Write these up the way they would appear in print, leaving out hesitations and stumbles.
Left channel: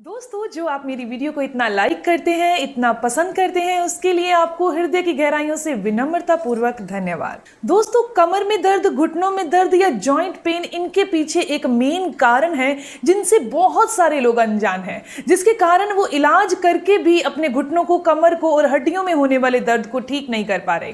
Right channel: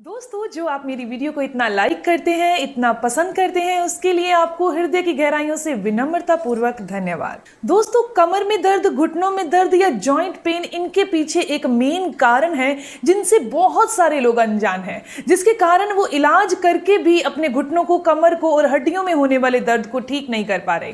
दोस्तों, जो आप मेरी वीडियो को इतना लाइक करते हैं, इतना पसंद करते हैं, उसके लिए आपको हृदय की गहराइयों से विनम्रता पूर्वक धन्यवाद। दोस्तों, कमर में दर्द, घुटनों में दर्द या जॉइंट पेन, इनके पीछे एक मेन कारण है जिनसे बहुत सारे लोग अनजान हैं, जिसके कारण वो इलाज करके भी अपने घुटनों को, कमर को और हड्डियों में होने वाले दर्द को ठीक नहीं कर पा रहे।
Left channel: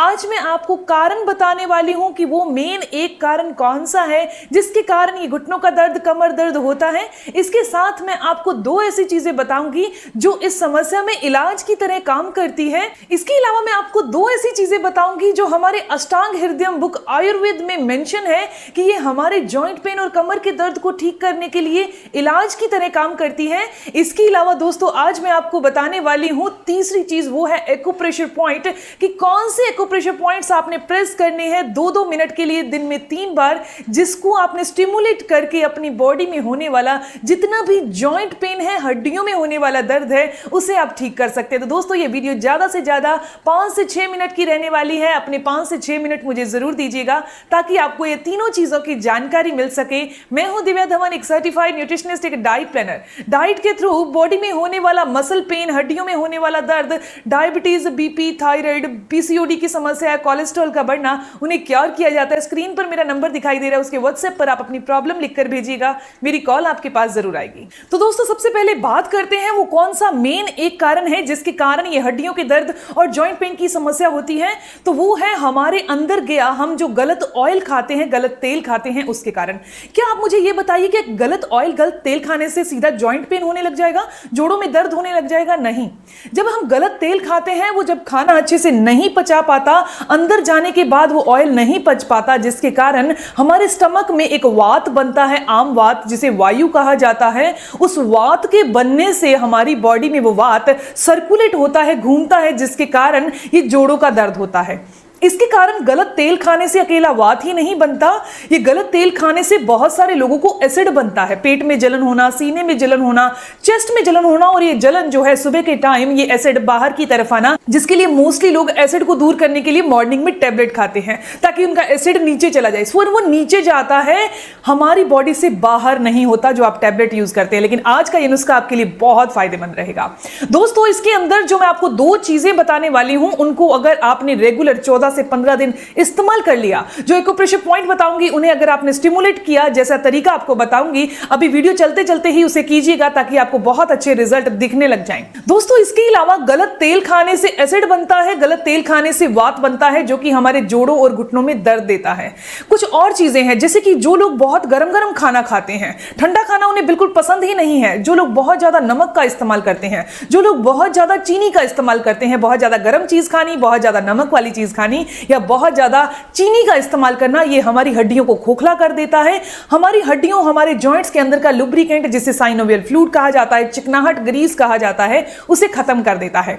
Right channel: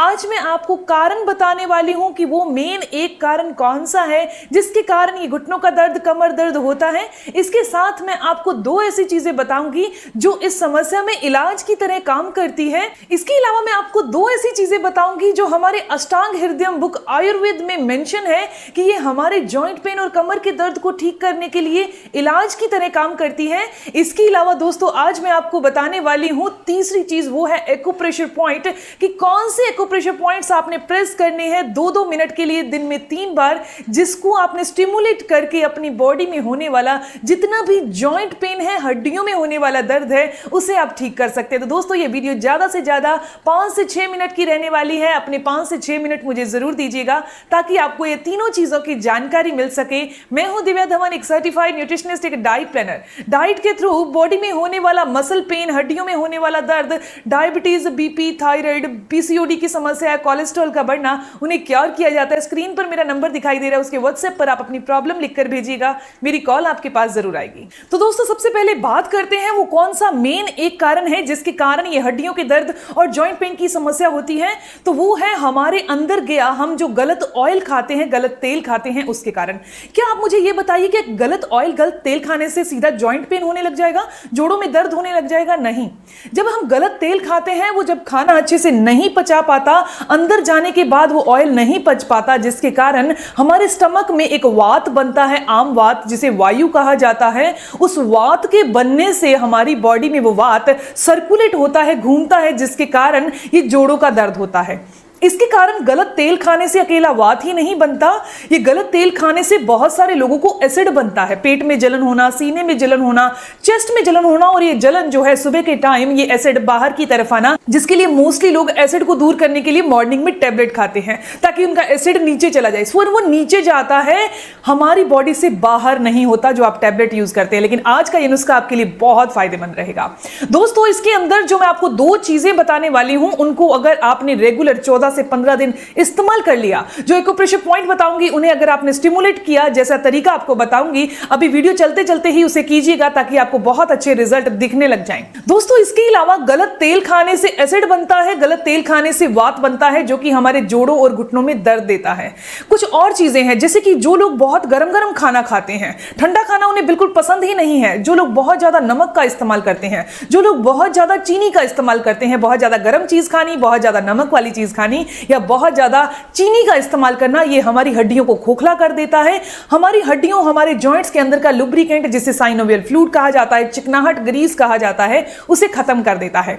आज मैं आपको कारण बताने वाली हूँ कि वो मेन एक कारण कौन सा है जिसके कारण ये घुटनों का दर्द, कमर दर्द होता है। इसके साथ में आपको दो ऐसी चीजें बताऊंगी जो इस समस्या में इलाज की तरह काम करती हैं। इसके अलावा मैं आपको दो ऐसी चीजें बताऊंगी जो हमारे अष्टांग हृदयम बुक आयुर्वेद में मेंशन है कि ये हमारे जॉइंट पेन और कमर के दर्द को ठीक करने के लिए इलाज की तरह काम करती है। इसके अलावा दोस्तों, आज मैं आपको बताने वाली हूँ तीसरी चीज, वो है एक्यूप्रेशर पॉइंट, कि कौन से एक्यूप्रेशर पॉइंट्स आपने प्रेस करने हैं 2-2 मिनट के लिए दिन में 3 बार, जिसको आपने स्टिमुलेट करके अपनी बॉडी में होने वाला जितना भी जॉइंट पेन है, हड्डियों में होने वाला दर्द है, उसे आप ठीक कर सकते हैं। तो दोस्तों, ये वीडियो ज्यादा से ज्यादा 5 से 6 मिनट की रहने वाली है। अपने 5 से 6 मिनट मुझे जरूर दीजिएगा ताकि आपको ये तीनों चीजों की जानकारी मिल सके। मैं हूं दिव्या धवन, एक सर्टिफाइड न्यूट्रिशनिस्ट, एक डाइट प्लानर। डाइट के थ्रू बॉडी में होने वाला मसल पेन, हड्डियों में होने वाला दर्द, डायबिटीज, बीपी, थायराइड, पीसीओडी की समस्या, कोलेस्ट्रॉल का बढ़ना, उन्हें क्योर किया जाता है। स्क्रीन पर मेरा नंबर दिखाई दे रहा है, उसके व्हाट्सएप पर आप अपनी प्रॉब्लम लिखकर भेजिएगा, मेरी कॉल आपके पास जरूर आएगी। तो दोस्तों, सबसे पहले बात करते हैं वो कौन सा मेन एक कारण है जिसके कारण ये हड्डियों के दर्द और जॉइंट पेन की समस्या होती है। तो वो है हमारे अंदर गया, हम जो गलत ऑयल खाते हैं, गलत तेल खाते हैं, उसके कारण। क्या आप मुझे ये बताइए कि गलत ऑयल, गलत तेल खाने से सीधा जॉइंट पेन होने लग जाएगा, जोड़ों में दर्द होने लग जाएगा? नहीं। जब हम गलत तेल खाते हैं, वो जब खाना अच्छे से नहीं पचा पाता, अंदर जाने के बाद वो ऑयल नहीं पच पाता, जिसके कारण हमारे स्टमक में एक वात बनता है, आम वात, जिसे वायु कहा जाता है। उस वात के बनने से हमारी बॉडी में वो वात सर्कुलेट होता है, घूमता है, जिसके कारण ये जोड़ों का दर्द होता है। इसके कारण गलत तेल खाने से अकेला वात ही नहीं बनता, ये गलत तेल खाने से बहुत सारे लोगों को एसिड बनता है। पेट में जलन होना, सीने में जलन होना, चेस्ट में जलन होना, और ये जलन जो है सुबह के टाइम ये एसिड बाहर की तरफ आना, जिसके लिए मोस्टली लोग एसिड को दूर करने के लिए मॉर्निंग में टेबलेट खाते हैं ताकि उनका एसिड नीचे चला जाए। और वो नीचे जाता है, हमारी बॉडी से बाहर नहीं होता जो आप टेबलेट यूज करते हैं। लेकिन आज का ये नुस्खा आपके लिए बहुत फायदेमंद रहेगा। दोस्तों, इसके अंदर जो मैं आपको दो चीजें बताने वाली हूं, उनको अगर आपने रेगुलर 14 से 15 दिन इस्तेमाल कर लिया, जो एक्यूप्रेशर पॉइंट बताऊंगी उन्हें अगर आपने स्टिमुलेट किया, जैसा तरीका आपको बताऊंगी, अभी वीडियो चलते चलते ही उसे कीजिएगा ताकि आपको बहुत अच्छे रिजल्ट दिखने लग जाए। दोस्तों, इसके अलावा गलत तेल खाने से एसिड बनता है, गलत तेल खाने से वात बनता है, जो कि हमारे जोड़ों और घुटनों में दर्द देता है। कुछ और चीजें हैं, जैसे कि जो लोग बहुत गरम गरम खाना खाते हैं, ठंडा खाना उन्हें बिल्कुल पसंद ही नहीं है, जो लोग बहुत ज्यादा नमक का इस्तेमाल करते हैं, जो लोग बहुत ज्यादा चीनी का इस्तेमाल करते हैं, बहुत ज्यादा गर्म चीज खानी, बहुत ज्यादा नमक वाली चीज खानी या बहुत ज्यादा चीनी का इस्तेमाल करना, ये हमारी हड्डियों को खोखला कर देता है। हमारी हड्डियों, हमारे जॉइंट्स के अंदर का लुब्रिकेंट, जिसे साइनोवियल फ्लूइड कहा जाता है, चिकनाहट, ग्रीस कहा जाता है, उसे खत्म कर देता है।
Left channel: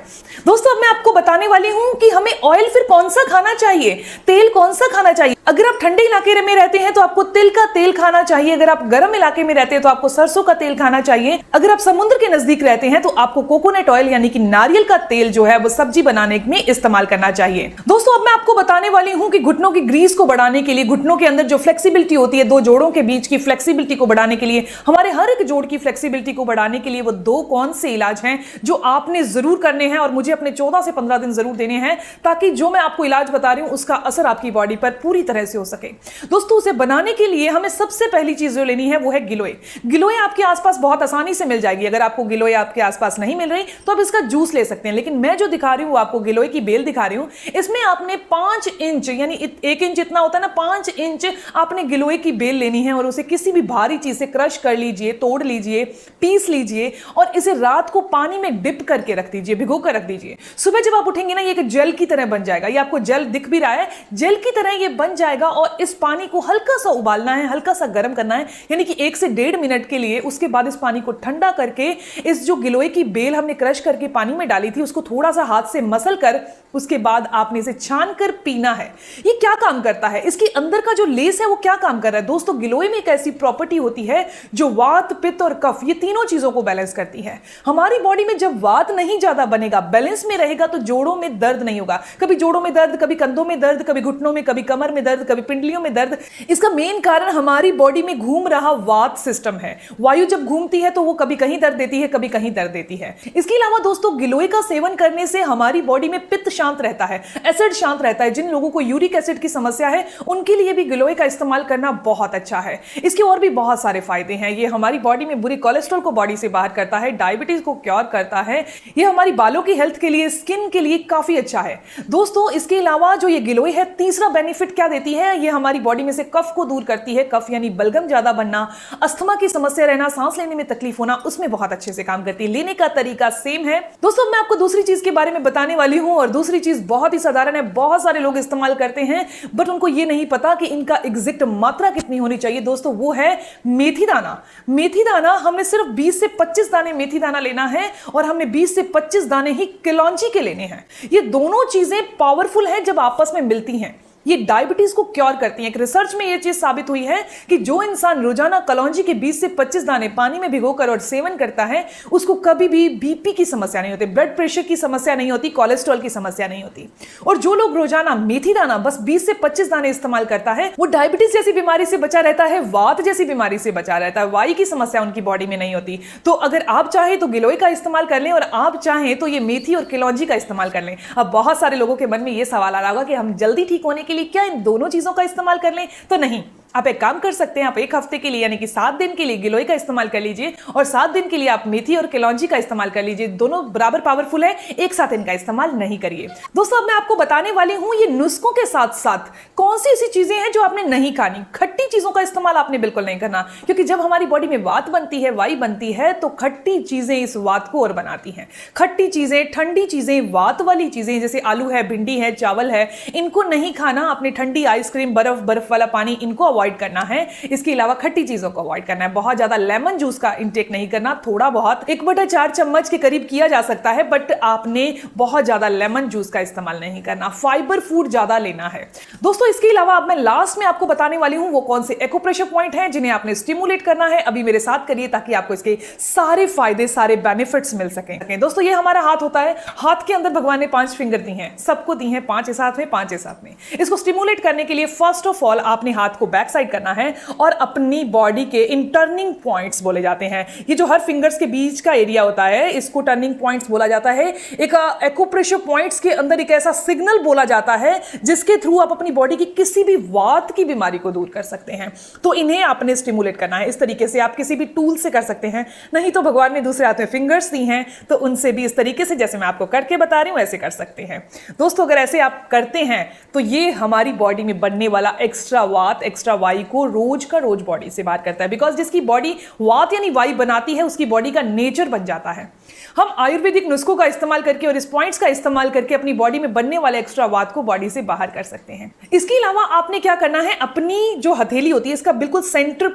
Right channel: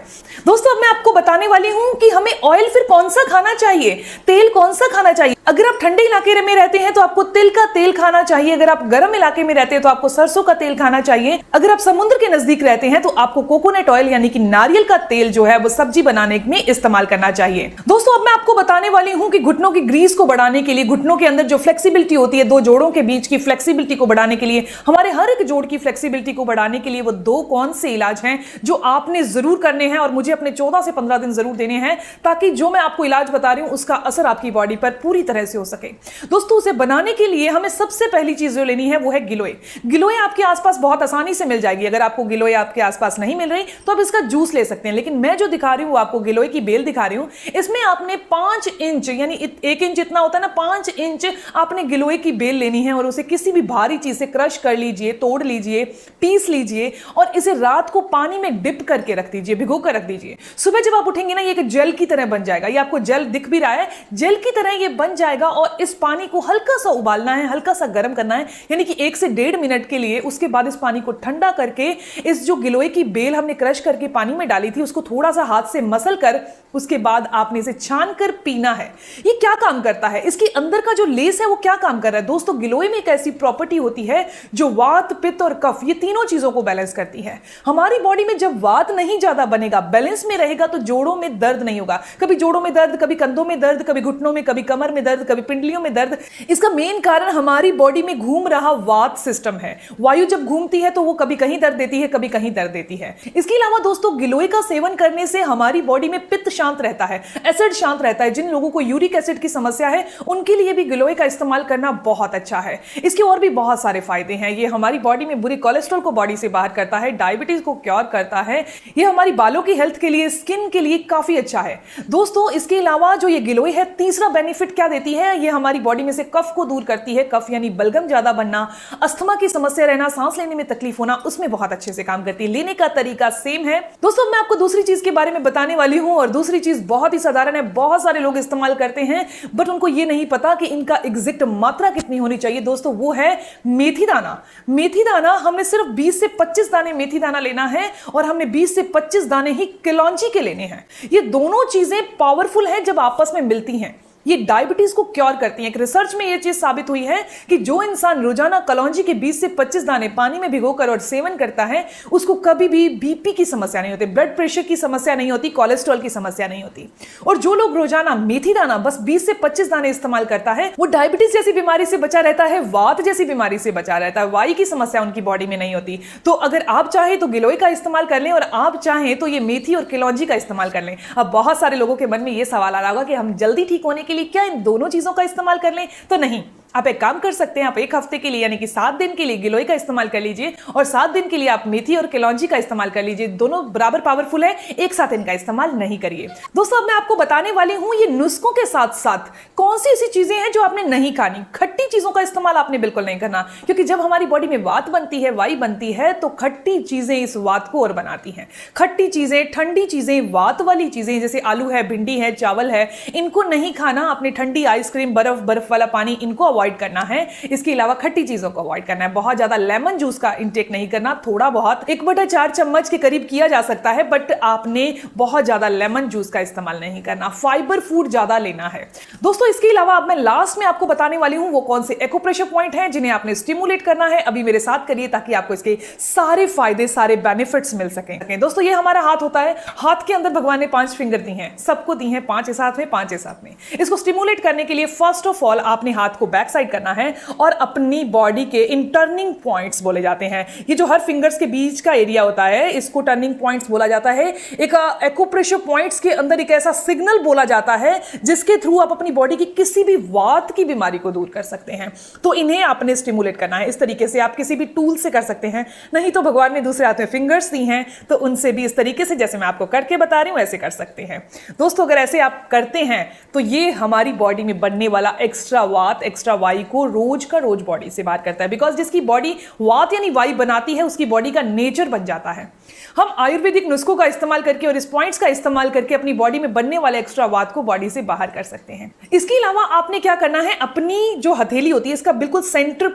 दोस्तों, अब मैं आपको बताने वाली हूं कि हमें ऑयल फिर कौन सा खाना चाहिए, तेल कौन सा खाना चाहिए। अगर आप ठंडे इलाके में रहते हैं तो आपको तिल का तेल खाना चाहिए, अगर आप गर्म इलाके में रहते हैं तो आपको सरसों का तेल खाना चाहिए, अगर आप समुद्र के नजदीक रहते हैं तो आपको कोकोनट ऑयल यानी कि नारियल का तेल जो है वो सब्जी बनाने में इस्तेमाल करना चाहिए। दोस्तों, अब मैं आपको बताने वाली हूं कि घुटनों की ग्रीस को बढ़ाने के लिए, घुटनों के अंदर जो फ्लेक्सिबिलिटी होती है, दो जोड़ों के बीच की फ्लेक्सिबिलिटी को बढ़ाने के लिए, हमारे हर एक जोड़ की फ्लेक्सिबिलिटी को बढ़ाने के लिए वो दो कौन से इलाज हैं जो आपने जरूर करने हैं और मुझे अपने 14 से 15 दिन जरूर देने हैं, ताकि जो मैं आपको इलाज बता रही हूं उसका असर आपकी बॉडी पर पूरी तरह से हो सके। दोस्तों, उसे बनाने के लिए हमें सबसे पहली चीज जो लेनी है वो है गिलोय। गिलोय आपके आसपास बहुत आसानी से मिल जाएगी। अगर आपको गिलोय आपके आसपास नहीं मिल रही तो आप इसका जूस ले सकते हैं, लेकिन मैं जो दिखा रही हूं आपको गिलोय की बेल दिखा रही हूं, इसमें आपने 5 इंच यानी 1 इंच इतना होता है ना, 5 इंच आपने गिलोय की बेल लेनी है और उसे किसी भी भारी चीज से क्रश कर लीजिए, तोड़ लीजिए, पीस लीजिए और इसे रात को पानी में डिप करके रख दीजिए, भिगो कर रख दीजिए। सुबह जब आप उठेंगे ना, ये एक जेल की तरह बन जाएगा। ये आपको जेल दिख भी रहा है, जेल की तरह ये बन जाएगा। और इस पानी को हल्का सा उबालना है, हल्का सा गर्म करना है, यानी कि 1 से 1.5 मिनट के लिए। उसके बाद इस पानी को ठंडा करके इस जो गिलोय की बेल हमने क्रश करके पानी में डाली थी उसको थोड़ा सा हाथ से मसल कर, उसके बाद आपने इसे छान कर पीना है। ये क्या काम करता है, इसके अंदर का जो लेस है वो क्या काम कर रहा है? दोस्तों, गिलोय में एक ऐसी प्रॉपर्टी होती है जो वात, पित्त और कफ, ये तीनों चीजों को बैलेंस करती है। हमारी बॉडी में जब वात नहीं ज्यादा बनेगा, बैलेंस में रहेगा, तो जोड़ों में दर्द नहीं होगा। कभी जोड़ों में दर्द, कभी कंधों में दर्द, कभी घुटनों में, कभी कमर में दर्द, कभी पिंडलियों में दर्द। इसका मेन कारण हमारी बॉडी में घूम रहा वात सिस्टम है। वायु जब घूमती है तो वो कभी कहीं दर्द देती है, कभी कहीं दर्द देती है। इसके अलावा दोस्तों गिलोय का सेवन करने से हमारी बॉडी में पित्त शांत रहता है, एसिड शांत रहता है। जिन लोगों को यूरिक एसिड की समस्या है उनके लिए भी गिलोय का इस्तेमाल करना बहुत अच्छा है। इसके और भी बहुत सारे फायदे हैं। ये हमारी बॉडी में बुरी कोलेस्ट्रॉल को बॉडी से बाहर करता है, डायबिटीज को क्योर करता है। ये हमारी बालों की हेल्थ के लिए, स्किन के लिए काफी अच्छा है दोस्तों। इसके अलावा जो ये गिलोय है, तीसरा बेनिफिट क्या देती है, ये हमारी बॉडी में से कफ को दूर करती है। कफ यानी बलगम ज्यादा बनना, अस्थमा की समस्या रहना, सांस लेने में तकलीफ होना, उसमें बहुत अच्छे से काम करती है। लेने का तरीका सेम है दोस्तों। मैं आपको दूसरी चीज के बारे में बताने वाली हूं, और दूसरी चीज बहुत ही साधारण है, बहुत सारे लोग इस्तेमाल करते हैं बट उनको ये नहीं पता कि इनका एग्जैक्ट मात्रा कितनी होनी चाहिए दोस्तों। वो है मेथी दाना। मेथी दाना हमने सिर्फ 20 से 25 दाने मेथी दाना लेना है, और हमने 20 से 25 दाने ही कलौंजी के लेने हैं। ये दोनों चीजें पावरफुल हैं जब आपस में मिलती हैं। ये डायबिटीज को क्योर करती हैं। एक रिसर्च में ये चीज साबित हुई है कि जो इंसान रोजाना कलौंजी के 20 से 25 दाने पानी में भिगोकर और सेवन करता है, उसको कभी भी बीपी की समस्या नहीं होती, ब्लड प्रेशर की समस्या नहीं होती, कोलेस्ट्रॉल की समस्या नहीं होती। और जो लोग रोजाना मेथी दाना बस 20 से 25 दाने इस्तेमाल करता है, वो डायबिटीज जैसी बीमारी से बचा रहता है, वात जैसी बीमारी से बचा रहता है, वायु की समस्या उनकी बॉडी में नहीं होती। तो अगर आप चाहे तो गिलोय का इस्तेमाल कर लें, और आप चाहें तो ये मेथी और कलौंजी का इस्तेमाल कर लें। अब बहुत सारे लोगों के मन में ये सवाल आ रहा होगा कि हम जल्दी ठीक होने के लिए क्या इन दोनों चीजों का इस्तेमाल कर लें? तो नहीं, आप एक काम कर सकते हैं। आप एक हफ्ते के लिए यानी कि 7 दिन के लिए गिलोय का इस्तेमाल कर लीजिए, और 7 दिन के लिए आप मेथी और कलौंजी का इस्तेमाल कर लीजिए। दोनों बराबर पावरफुल है, एक साथ इनका इस्तेमाल नहीं करिए दोस्तों। मैं आपको बताने वाली हूं ये नुस्खों के साथ साथ कौन सी ऐसी चीजें हैं जो आपने नहीं खानी। खट्टी चीजों का इस्तेमाल आपने बिल्कुल नहीं करना, क्योंकि जब हमारी बॉडी में वात बनती है, वायु बनती है, तो खट्टी चीजें इस वात को और बनाती हैं। खट्टी चीजें, ठंडी चीजें, वात वाली चीजें जैसे आलू है, भिंडी है, चावल है, इनको नहीं खाना। अपनी ठंडी आइसक्रीम, बर्फ वाला पानी, इनको अवॉइड करना है। इसके अलावा खट्टी चीजों को अवॉइड करना है। बहुत ज्यादा लेमन जूस का इंटेक नहीं करना, थोड़ा बहुत 1/4 चम्मच के करीब किया जा सकता है, बट आपने बहुत ज्यादा लेमन जूस का इस्तेमाल नहीं करना। फाइबर फूड ज्यादा लेना है दोस्तों। इसके अलावा अब मैं लास्ट में आपको बताने वाली हूं वो कौन से एक्यूप्रेशर पॉइंट हैं जिन्हें आपने स्टिमुलेट करना है। अभी मेरे साथ करिए ताकि आपको इसके सारे फायदे, सारे बेनिफिट्स मिल सकें दोस्तों। ये हमारा हाथ होता है, हाथ के अंदर भगवान ने 5 फिंगर दी हैं, सबको दी हैं 5 साथ में, 5 साथ में। इसको स्टिमुलेट करने के लिए फर्स्ट ऑफ ऑल आपने हाथ को बैक साइड करना है, और अपनी बॉडी के इन टर्निंग पॉइंट्स बोले जाते हैं। ये जो हर फिंगर्स के बीच का एरिया होता है, इसको टर्निंग पॉइंट्स बोला जाता है। एक एक्यूप्रेशर पॉइंट्स के अंदर एक ऐसा सिग्नल बोला जाता है जिसके थ्रू आप अपनी बॉडी की किसी भी वात की बीमारी को दूर कर सकते हैं। तो इन्हें आपने स्टिमुलेट करना है। इस तरीके से आप किसी भी टूल से कर सकते हैं, नहीं तो भगवान ने दूसरे हाथ में फिंगर्स दी हैं, तो उनसे भी इस तरीके से जैसे मैं आपको करके बता रही हूं ऐसे कर सकते हैं दोस्तों। अगर ऐसे आप करते हैं तो ये हमारी बॉडी में बनने वाला एक्स्ट्रा वात, एक्स्ट्रा वायु को रोज का रोज बॉडी से बाहर करता है। बिकॉज जिसकी बॉडी वात यानी वायु बनाती है, उसकी बॉडी का नेचर बन जाता है। हम आयुर्वेदिक नुस्खों का इस्तेमाल करके और इस पॉइंट्स का इस्तेमाल करके अपनी बॉडी में बनने वाले एक्स्ट्रा वात को बॉडी से बाहर कर सकते हैं। इसके अलावा आपने क्या करना है, अपनी जो हथेली होती है इसका बिल्कुल सेंटर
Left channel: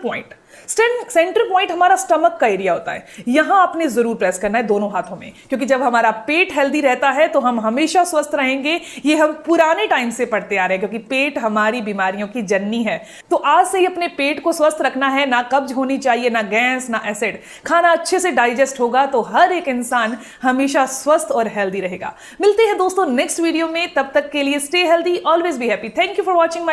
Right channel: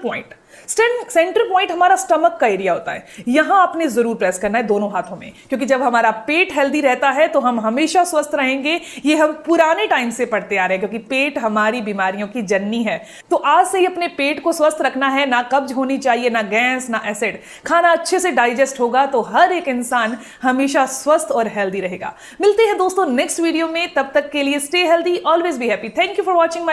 पॉइंट हमारा स्टमक का एरिया होता है, यहां आपने जरूर प्रेस करना है दोनों हाथों में, क्योंकि जब हमारा पेट हेल्दी रहता है तो हम हमेशा स्वस्थ रहेंगे। ये हम पुराने टाइम से पढ़ते आ रहे हैं, क्योंकि पेट हमारी बीमारियों की जननी है। तो आज से ही अपने पेट को स्वस्थ रखना है। ना कब्ज होनी चाहिए, ना गैस, ना एसिड। खाना अच्छे से डाइजेस्ट होगा तो हर एक इंसान हमेशा स्वस्थ और हेल्दी रहेगा। मिलते हैं दोस्तों नेक्स्ट वीडियो में, तब तक के लिए stay healthy, always be happy. Thank you for watching.